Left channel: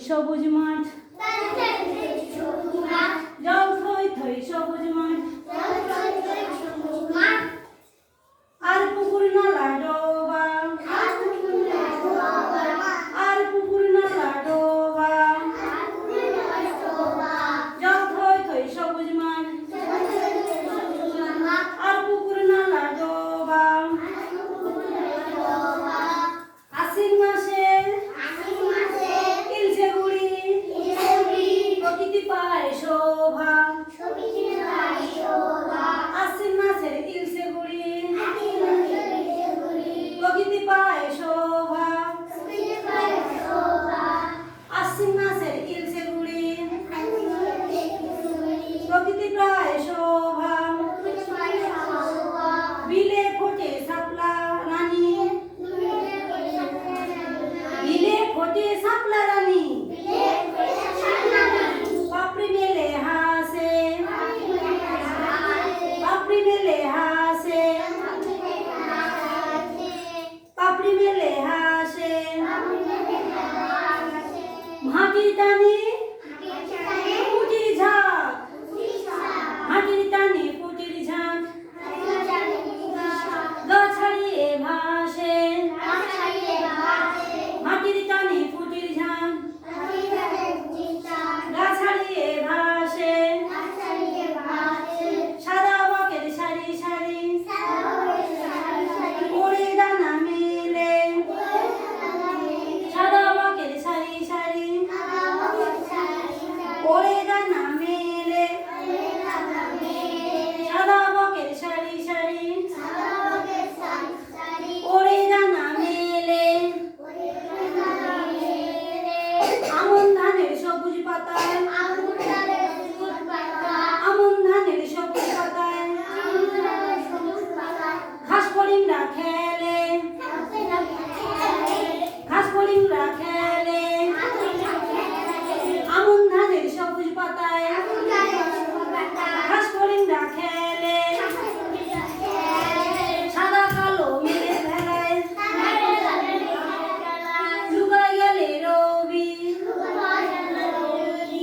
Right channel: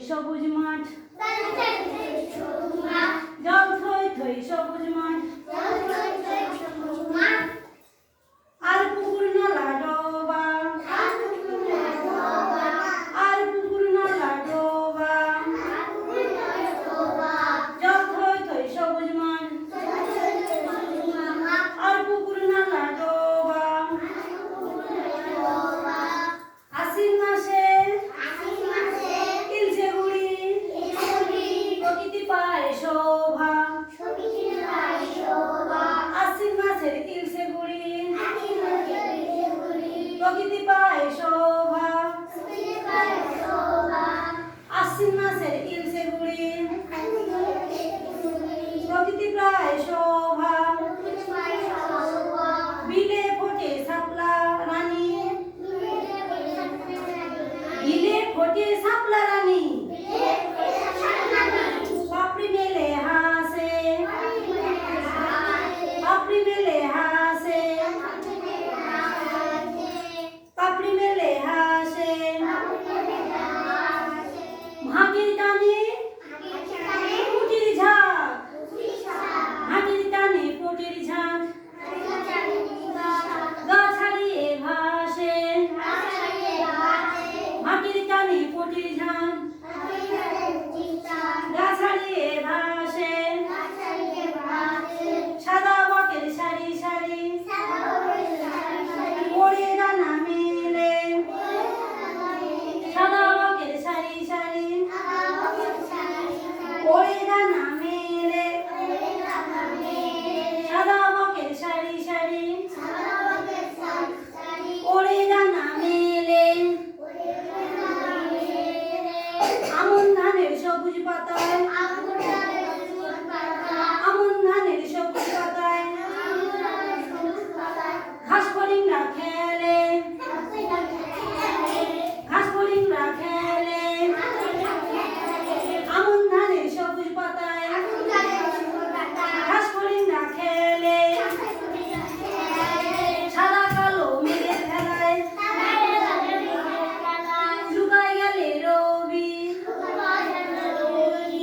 সবুজ মাঠ জল থই থই সবুজ মাঠ আর পুকুর নালা ডোবা আর পুকুর নালা ডোবা জল থই থই সবুজ মাঠ আর পুকুর নালা ডোবা আশ্বিন মাসে ইলশে গুড়ি প্রকৃতি পায় শোভা আশ্বিন মাসের ইলশে গুড়ি প্রকৃতি পায় শোভা আশ্বিন মাসের ইলশে গুড়ি প্রকৃতি পায় শোভা বিলে ফোটে শাপলা রানী বিলে ফোটে শাপলা রানী পাপড়ি মেলে হাসে পাপড়ি মেলে হাসে পাপড়ি মেলে হাসে মাটির টানে ফুটির ঝাঁক মাটির টানে ফুটির ঝাঁক গা ছাড়িয়ে ভাসে মাটির টানে ফুটির ঝাঁক গা ছাড়িয়ে ভাসে সাদা বাকের সারি সারি পড়ে দানা মেলে সাদা বাকের সারি সারি পড়ে দানা মেলে সাদা বাকের সারি সারি পড়ে দানা মেলে আমন ধানের সবুজ পাতায় আমন ধানের সবুজ পাতায় ঘাস ফড়িংরা খেলে ঘাস ফড়িংরা খেলে আমন ধানের সবুজ পাতায় ঘাস ফড়িংরা খেলে সাদা কালো মেঘের ভেলায় লুকাই গেলে রবি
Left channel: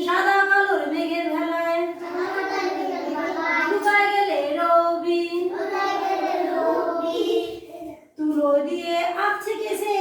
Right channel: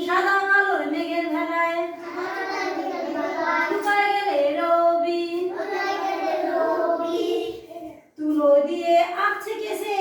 সাদা কালোর মেঘের ভেলায় লুকাই গেলে রবি তুলো দিয়ে আঁকছে কেসে